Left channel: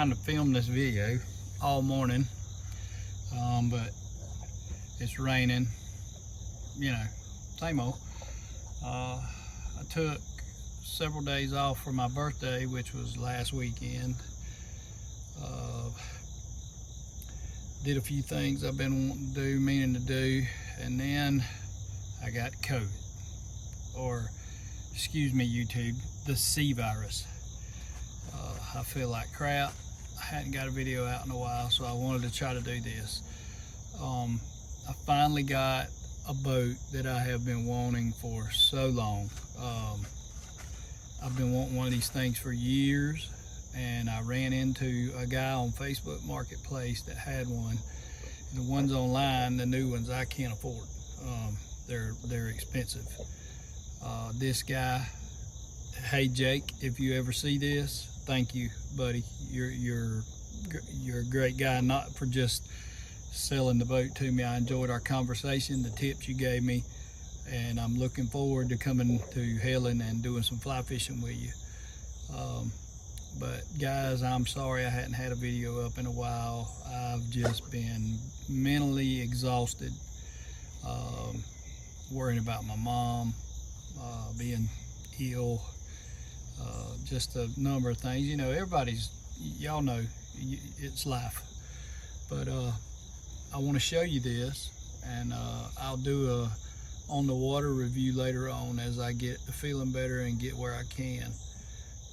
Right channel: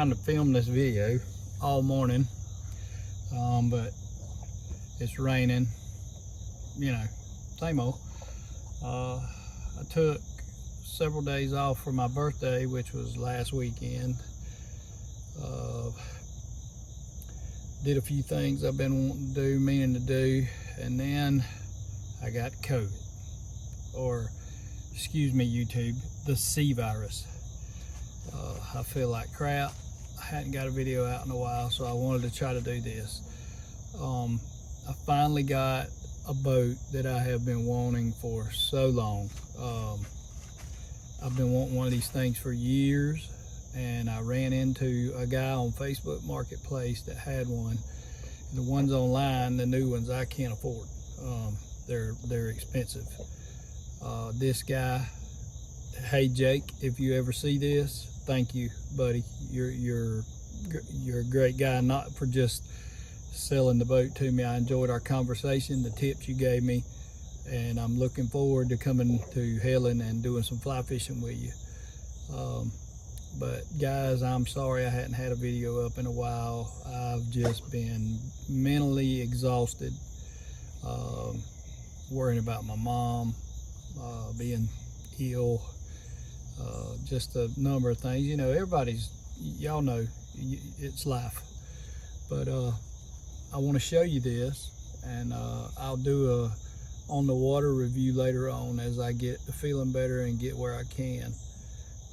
trying to film this video all morning, but it's raining, you know, same old. I took several days off for my birthday, which was last weekend. Did a few things I've been meaning to do, and then I got COVID, or excuse me YouTube, the C virus. I feel like crap. I hadn't got a video out in a while, so I wanted to try to do this. I finally got a boat that I have been wanting for so long. I've been wanting one of these things for years, and I ran into a guy on Facebook Marketplace that had one. And the ones online, the new ones, I can't afford. They're expensive. This guy, hey Jake, if you ever see this, thank you, buddy. You're a great guy, not for just selling the boat to me. I enjoyed our conversation, the tips you gave me, and I'm looking forward to coming to Helen and doing some fly fishing with you. But guys, I'm sorry I hadn't had a video up in a while. I've just been mentally exhausted, worrying about my mom, being ill, just a number of things. You know, y'all know it's life. But I want to show you this, and I'll do a on the water review later on as I get feeling better and get where I can.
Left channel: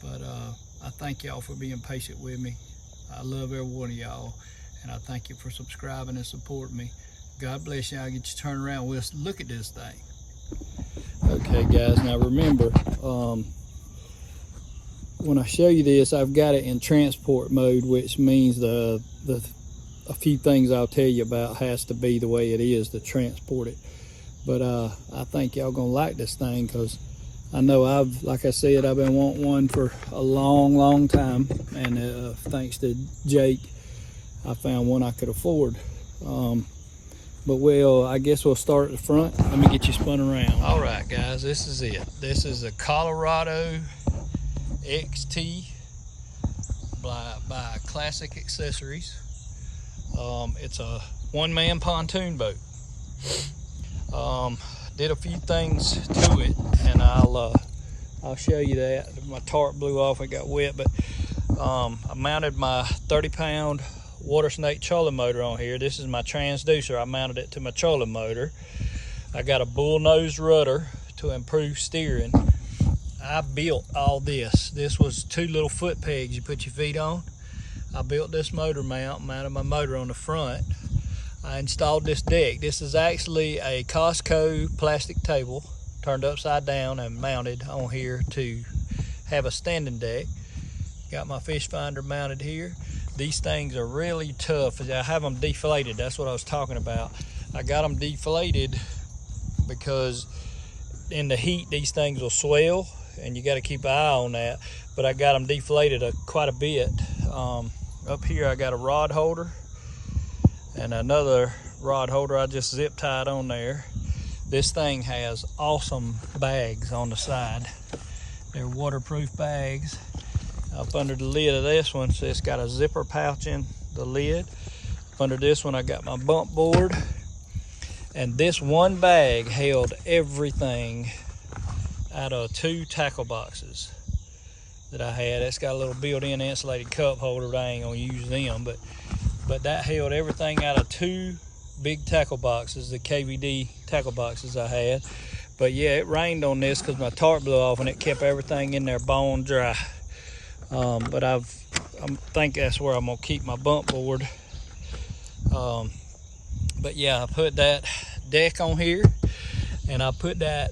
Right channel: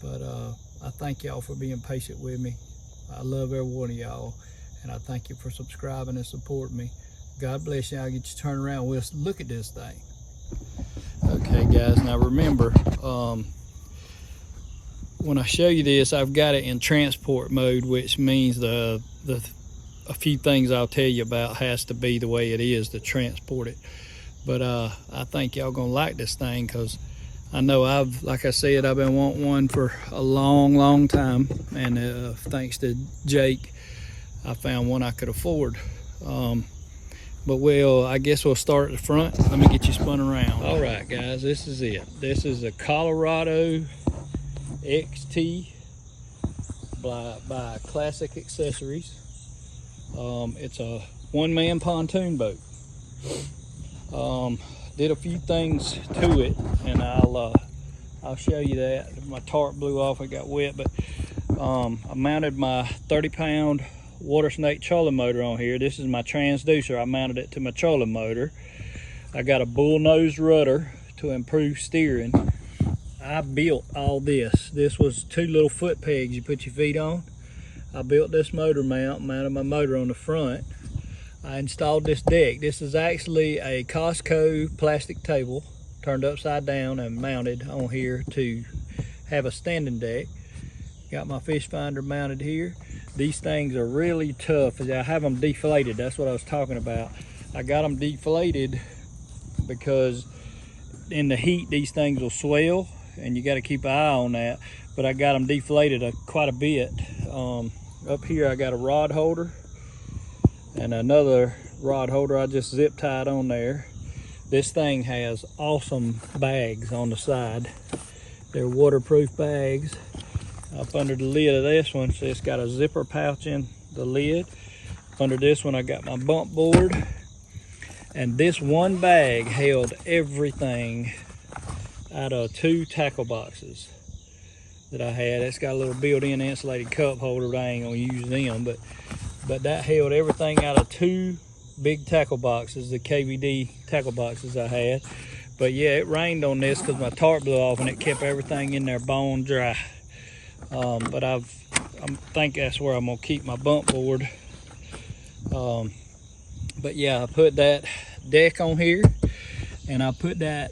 But I thank y'all for being patient with me. I love every one of y'all, and I thank you for subscribing and supporting me. God bless y'all. Get you turned around. Let's look at this thing. Okay guys, now remember, when I show you this, I've got it in transport mode, which means a few things I'll tell you about has to be the way it is to transport it. But I think y'all gonna like this thing, because I know like I said, I've been wanting one for a long time, and thanks to Jake, I found one I could afford. But I guess we'll start at the front. Let me get you spun around. All right, guys, this is it. This is a Colorado XT by Classic Accessories. It's a one-man pontoon boat. Did a few things to it, and I'll show you that. My tarp blew off, it got wet, but I mounted my 30-pound water snake trolling motor on here. This is my transducer. I mounted it to my trolling motor. I got a bull nose rudder to improve steering. I built all this. This was 2 little foot pegs you put your feet on. I built this motor mount, mounted my motor on the front. I installed this deck. This is actually a Costco plastic table turned upside down and mounted on here to have a standing deck. Got my fish finder mounted here. These things are really tough. I have them deflated. That's what I was talking about. I got them deflated because in the heat these things will swell, and you got to keep an eye on that. But I got them deflated quite a bit. Up here I got a rod holder and another rod holder I just zip tied on there. This thing has awesome bags on the side. They're waterproof bags. Up under the lid of this one, so it's got a zipper pouch in the lid. Under this one I got my bump board, and this one bag held everything out of 2 tackle boxes that I had. It's got a little built-in insulated cup holder, but I ain't gonna use them, but that held everything out of 2 big tackle boxes, the KVD tackle boxes I had. But yeah, it rained on this because my tarp blew off, and it kept everything in there bone dry. But I think that's where I'm gonna keep my bump board. But yeah, I put that deck on here, and I put that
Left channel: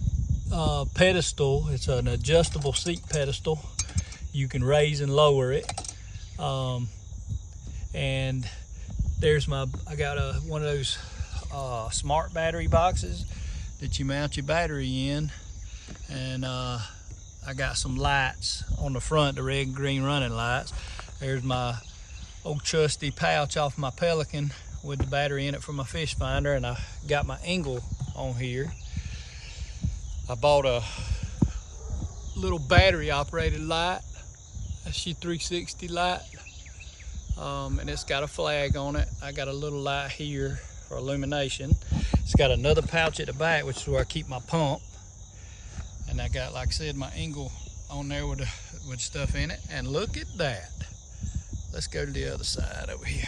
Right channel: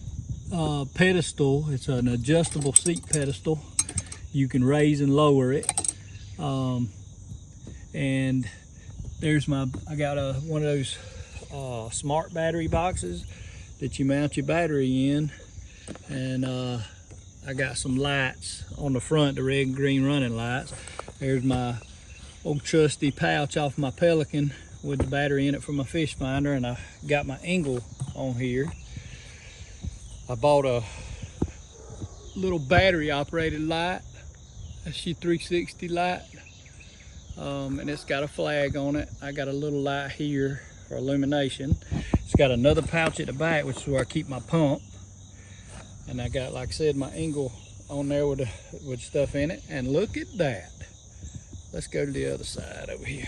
pedestal. It's an adjustable seat pedestal. You can raise and lower it. And there's I got one of those smart battery boxes that you mount your battery in, and I got some lights on the front, the red and green running lights. There's my old trusty pouch off my Pelican with the battery in it for my fish finder, and I got my Engel on here. I bought a little battery operated light, a C360 light. and it's got a flag on it. I got a little light here for illumination. It's got another pouch at the back, which is where I keep my pump. And I got, like I said, my Engel on there with stuff in it. And look at that. Let's go to the other side over here.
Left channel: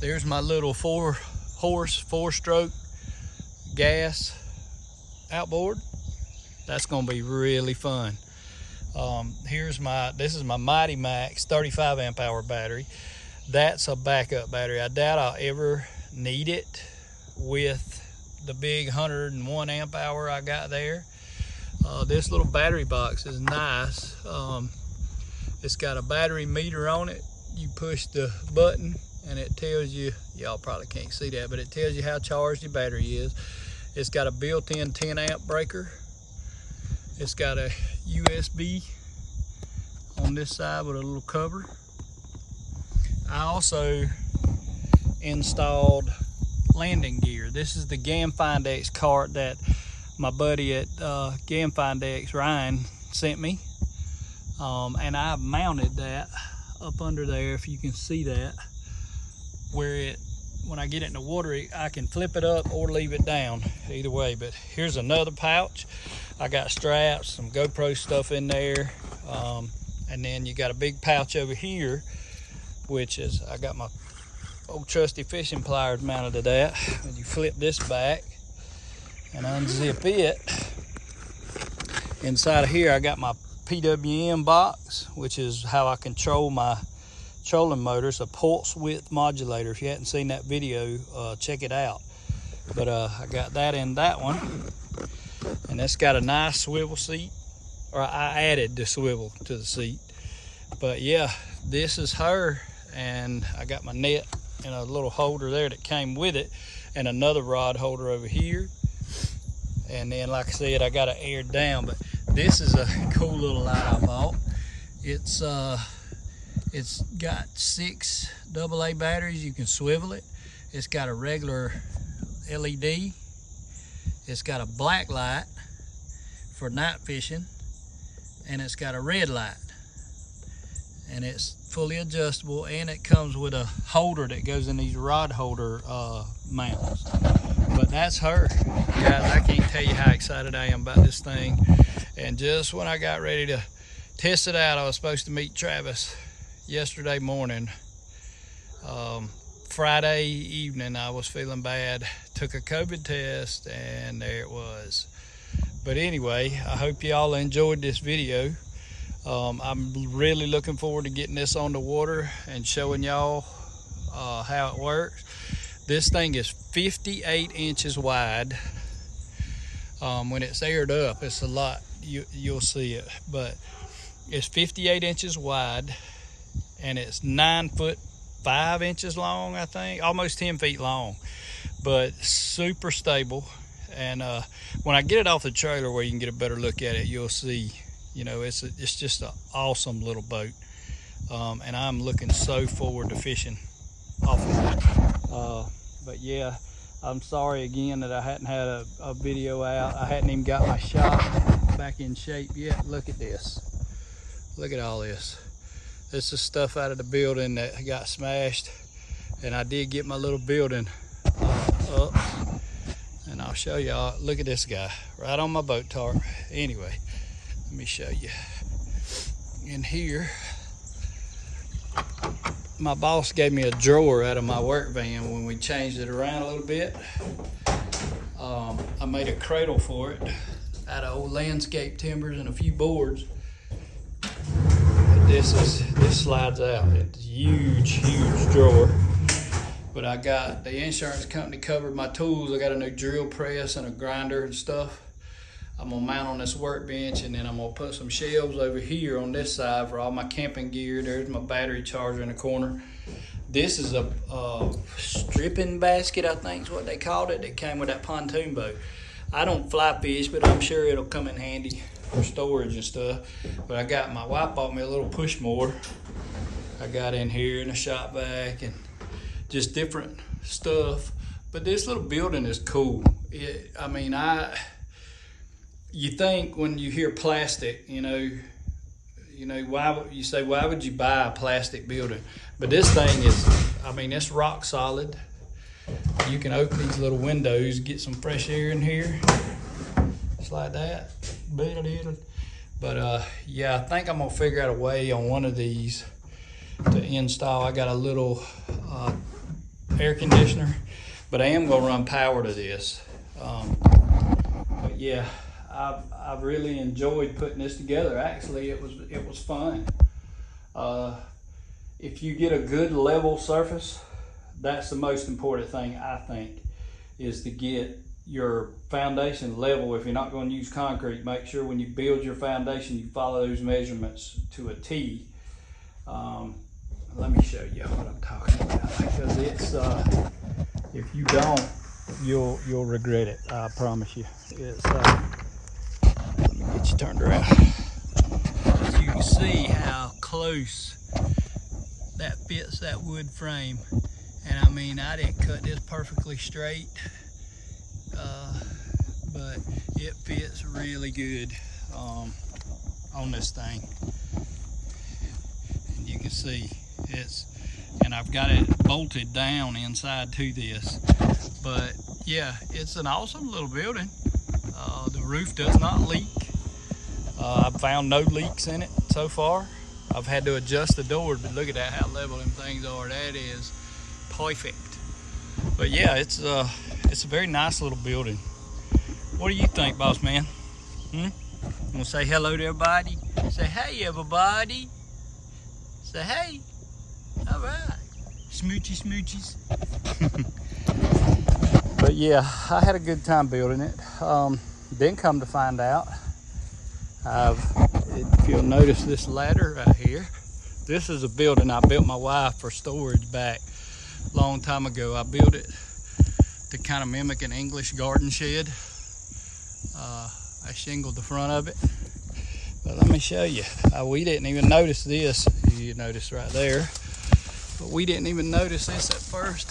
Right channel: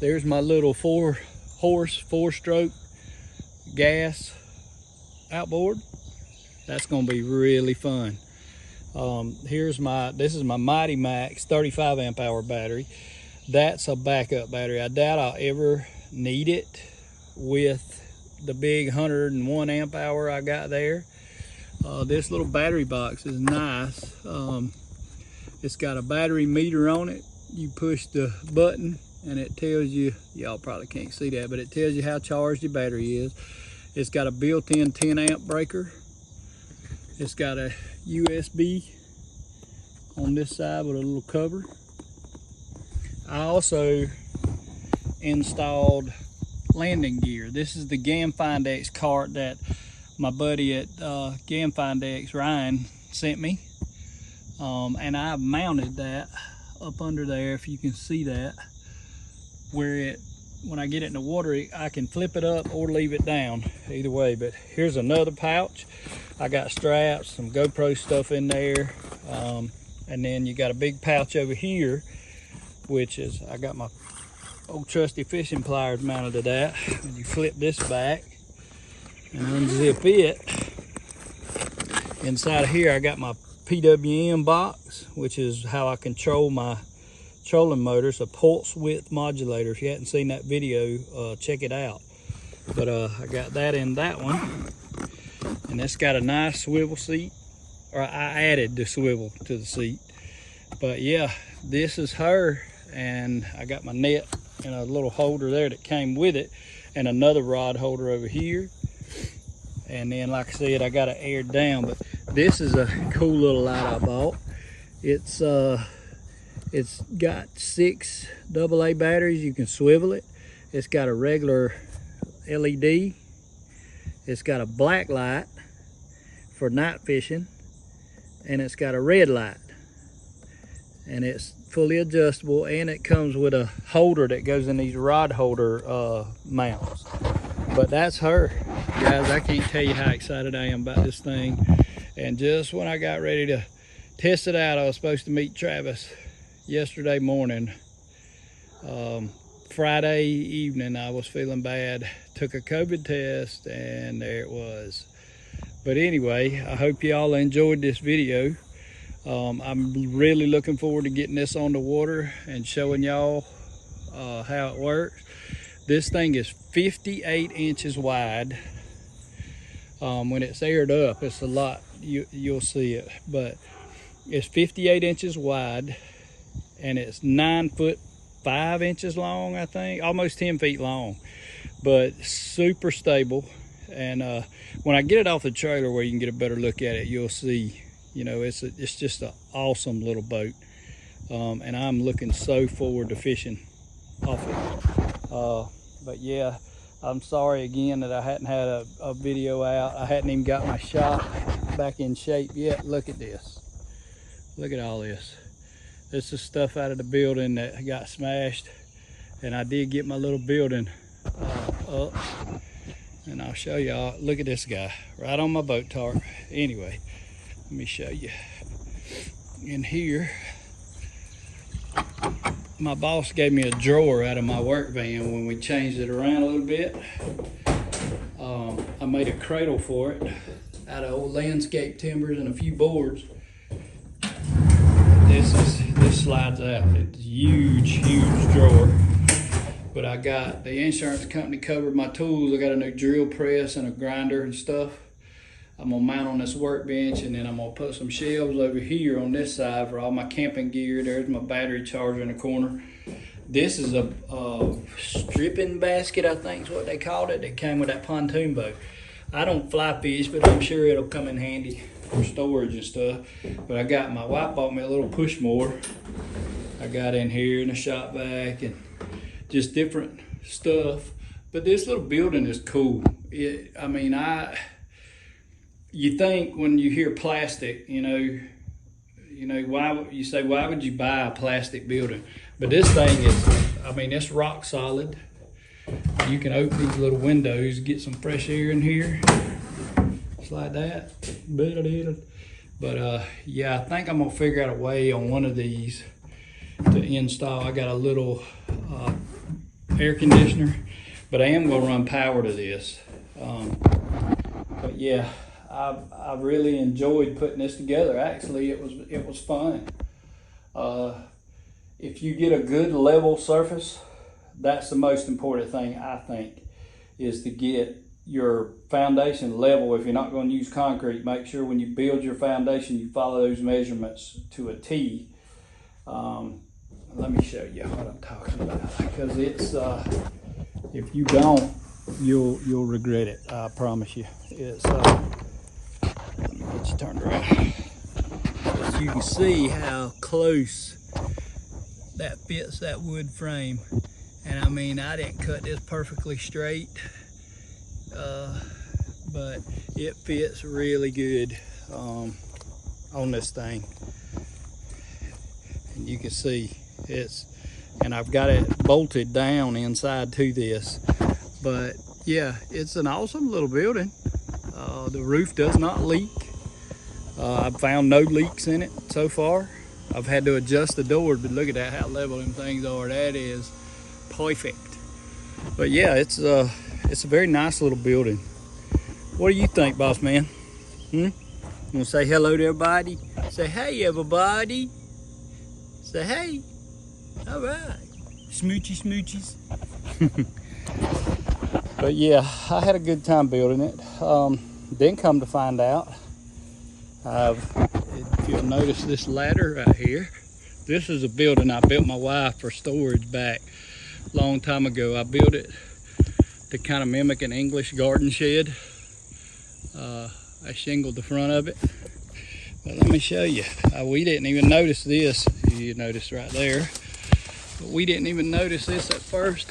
There's my little 4-horse, 4-stroke gas outboard. That's gonna be really fun. This is my Mighty Max 35 amp hour battery. That's a backup battery. I doubt I'll ever need it with the big 101 amp hour I got there. This little battery box is nice. It's got a battery meter on it. You push the button and it tells you, y'all probably can't see that, but it tells you how charged your battery is. It's got a built-in 10 amp breaker. It's got a USB on this side with a little cover. I also installed landing gear. This is the GamFindX cart that my buddy at GamFindX, Ryan, sent me. And I mounted that up under there, if you can see that, where when I get it in the water, I can flip it up or leave it down, either way. But here's another pouch. I got straps, some GoPro stuff in there. And then you got a big pouch over here, which is, I got my old trusty fishing pliers mounted to that. And you flip this back and unzip it. Inside of here, I got my PWM box, which is how I control my trolling motor. It's a pulse width modulator. If you hadn't seen that video, check it out. But I got that in that one. And that's got a nice swivel seat. Or I added the swivel to the seat. But yeah, this is her. And I got my net and a little holder there that came with it. And another rod holder over here. And then, like I said, I got it aired down. But this is a cool little light I bought. It's got 6 AA batteries. You can swivel it. It's got a regular LED. It's got a black light for night fishing. And it's got a red light. And it's fully adjustable, and it comes with a holder that goes in these rod holder mounts. But that's her. Guys, I can't tell you how excited I am about this thing. And just when I got ready to test it out, I was supposed to meet Travis yesterday morning. Friday evening, I was feeling bad. Took a COVID test, and there it was. But anyway, I hope y'all enjoyed this video. I'm really looking forward to getting this on the water and showing y'all how it works. This thing is 58 inches wide. When it's aired up, it's a lot. You'll see it, but it's 58 inches wide, and it's 9 foot 5 inches long, I think, almost 10 feet long, but super stable. And when I get it off the trailer where you can get a better look at it, you'll see, you know, it's just an awesome little boat. And I'm looking so forward to fishing off of it. But yeah, I'm sorry again that I hadn't had a video out. I hadn't even got my shop back in shape yet. Look at this. Look at all this. This is stuff out of the building that got smashed. And I did get my little building up. And I'll show y'all. Look at this guy right on my boat tarp. Anyway, let me show you. In here, my boss gave me a drawer out of my work van when we changed it around a little bit. I made a cradle for it out of old landscape timbers and a few boards. This slides out. It's a huge drawer. But I got the insurance company covered my tools. I got a new drill press and a grinder and stuff. I'm gonna mount on this workbench, and then I'm gonna put some shelves over here on this side for all my camping gear. There's my battery charger in the corner. This is a stripping basket, I think is what they called it. It came with that pontoon boat. I don't fly fish, but I'm sure it'll come in handy for storage and stuff. But I got my wife bought me a little push mower. I got in here in the shop vac and just different stuff. But this little building is cool. I mean, you think when you hear plastic, you know, You know, you say, why would you buy a plastic building? But this thing is, I mean, it's rock solid. You can open these little windows, get some fresh air in here. Just like that. But yeah, I think I'm gonna figure out a way on one of these to install. I got a little air conditioner, but I am gonna run power to this. But yeah, I really enjoyed putting this together. Actually, it was fun. If you get a good level surface, that's the most important thing, I think, is to get your foundation level. If you're not going to use concrete, make sure when you build your foundation, you follow those measurements to a T. Let me show you what I'm talking about, because it's if you don't, you'll regret it. I promise you. It's let me get you turned around. But you can see how close that fits that wood frame. And I mean, I didn't cut this perfectly straight, but it fits really good on this thing. And you can see and I've got it bolted down inside to this. But yeah, it's an awesome little building. The roof does not leak. I've found no leaks in it so far. I've had to adjust the doors, but look at that, how level them things are. That is perfect. But yeah, it's a very nice little building. What do you think, boss man? You want to say hello to everybody? Say hey, everybody. Say hey. All right. Smoochy smoochies. But yeah, I had a good time building it. Then come to find out, if you'll notice this ladder right here, this is a building I built my wife for storage back a long time ago. I built it to kind of mimic an English garden shed. I shingled the front of it. But let me show you. We didn't even notice this. You notice right there. But we didn't even notice this at first.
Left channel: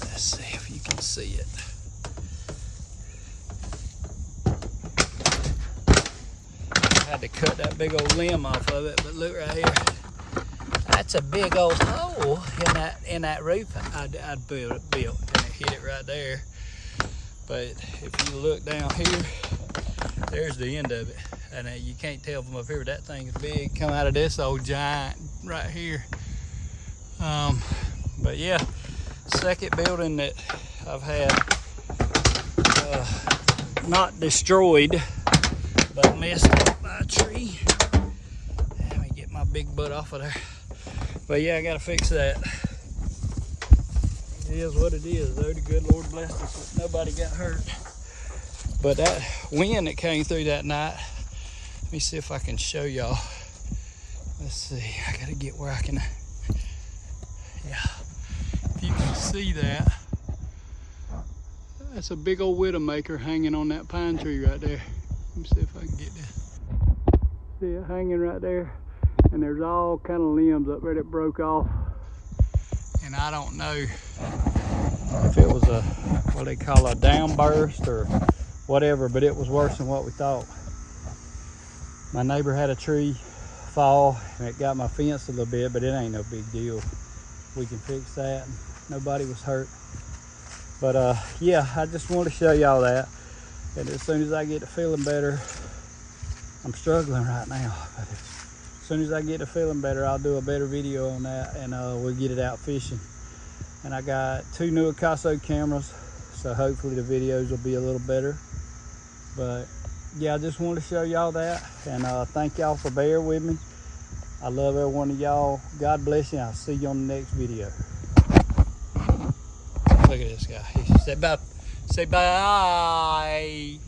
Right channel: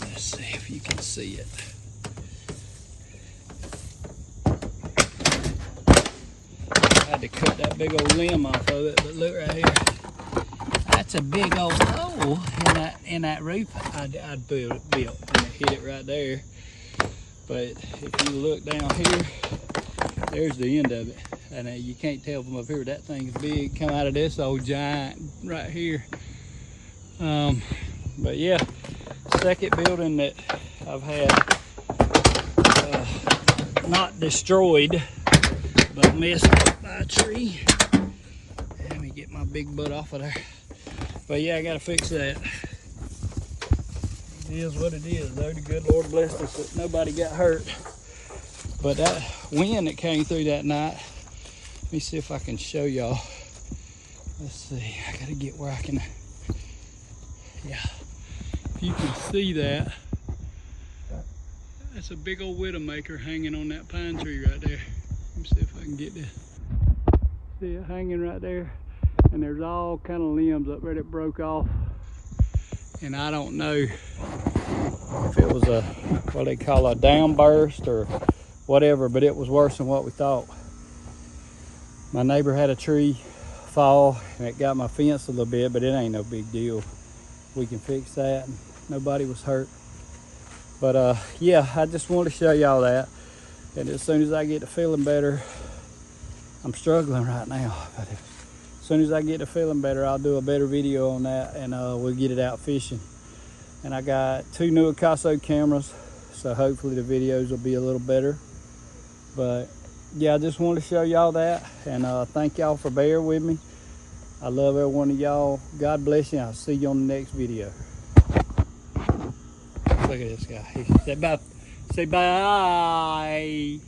Let's see if you can see it. I had to cut that big old limb off of it, but look right here. That's a big old hole in that roof I'd built, and it hit it right there. But if you look down here, there's the end of it. And you can't tell from up here, that thing is big. Come out of this old giant right here. But yeah, second building that I've had not destroyed, but missed by a tree. Let me get my big butt off of there. But yeah, I gotta fix that. It is what it is, though. The good Lord blessed us that nobody got hurt. But that wind that came through that night, let me see if I can show y'all. Let's see, I gotta get where I can, yeah. If you can see that, that's a big old widowmaker hanging on that pine tree right there. Let me see if I can get this. See it hanging right there? And there's all kind of limbs up there that broke off. And I don't know if it was what they call a downburst or whatever, but it was worse than what we thought. My neighbor had a tree fall and it got my fence a little bit, but it ain't no big deal. We can fix that. Nobody was hurt. But yeah, I just wanted to show y'all that. And as soon as I get to feeling better, I'm struggling right now, but as soon as I get to feeling better, I'll do a better video on that, and we'll get it out fishing. And I got 2 new Akaso cameras, so hopefully the videos will be a little better. But yeah, I just wanted to show y'all that, and thank y'all for bearing with me. I love every one of y'all. God bless you. I'll see you on the next video. Look at this guy. He said bye. Say bye.